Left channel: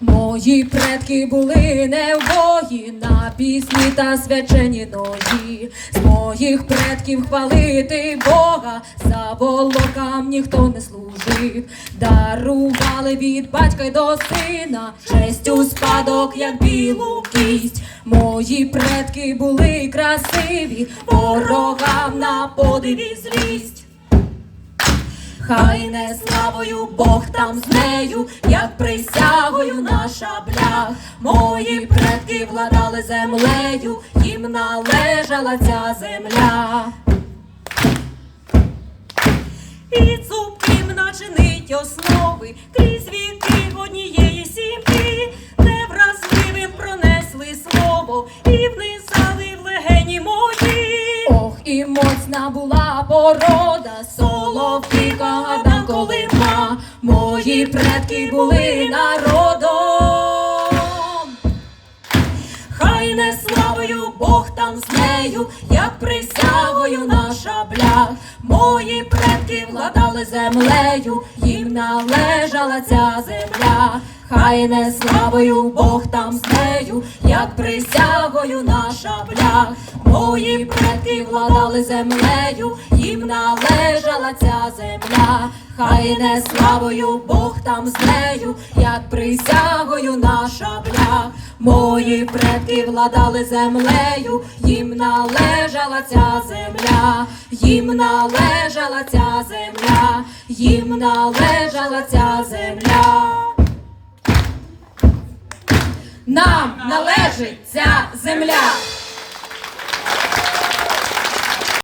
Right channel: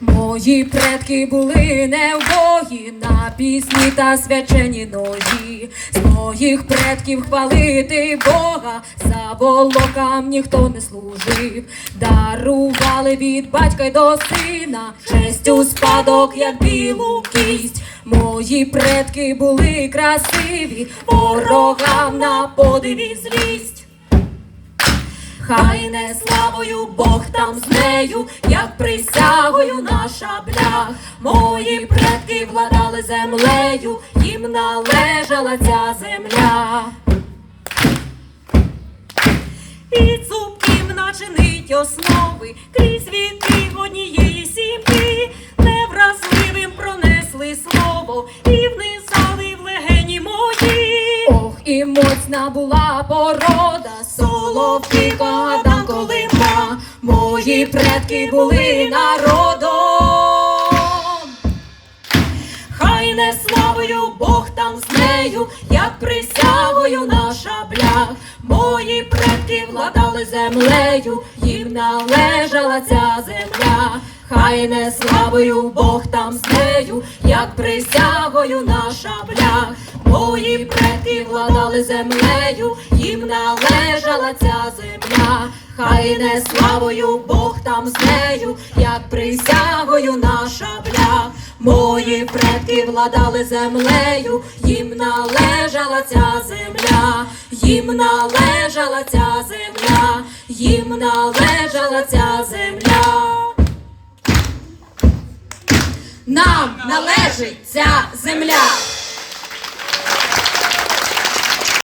Мої предки були невбої на пісні та свячені ноги. З моїх предків хвалити Бога, за волокам ніхто не служив. Дарували від батька й до сина, честь у спадок, як білу кість. Мої предки були красиві, ворогам на подиві злість. Хай не славою Бог там з нею, як присягою на шаблях. Мої предки владали землею, їм належала ця земля. І цупким начинить основи крізь віки однієї сім'ї, невразливим пронесли слово і внизали моцна була порода, соловки Адам Колима. Мої предки були народом. Хай не славою Бог там з нею, як присягою на шаблях. Мої предки владали землею, їм належала ця земля. Хай не славою Бог там з нею, як присягою на шаблях. Мої предки владали землею, їм належала ця земля. Хай не славою Бог там з нею, як присягою на шаблях. Мої предки владали землею, їм належала ця земля, їм належала ця земля, їм належала ця земля. Нам належить ця земля.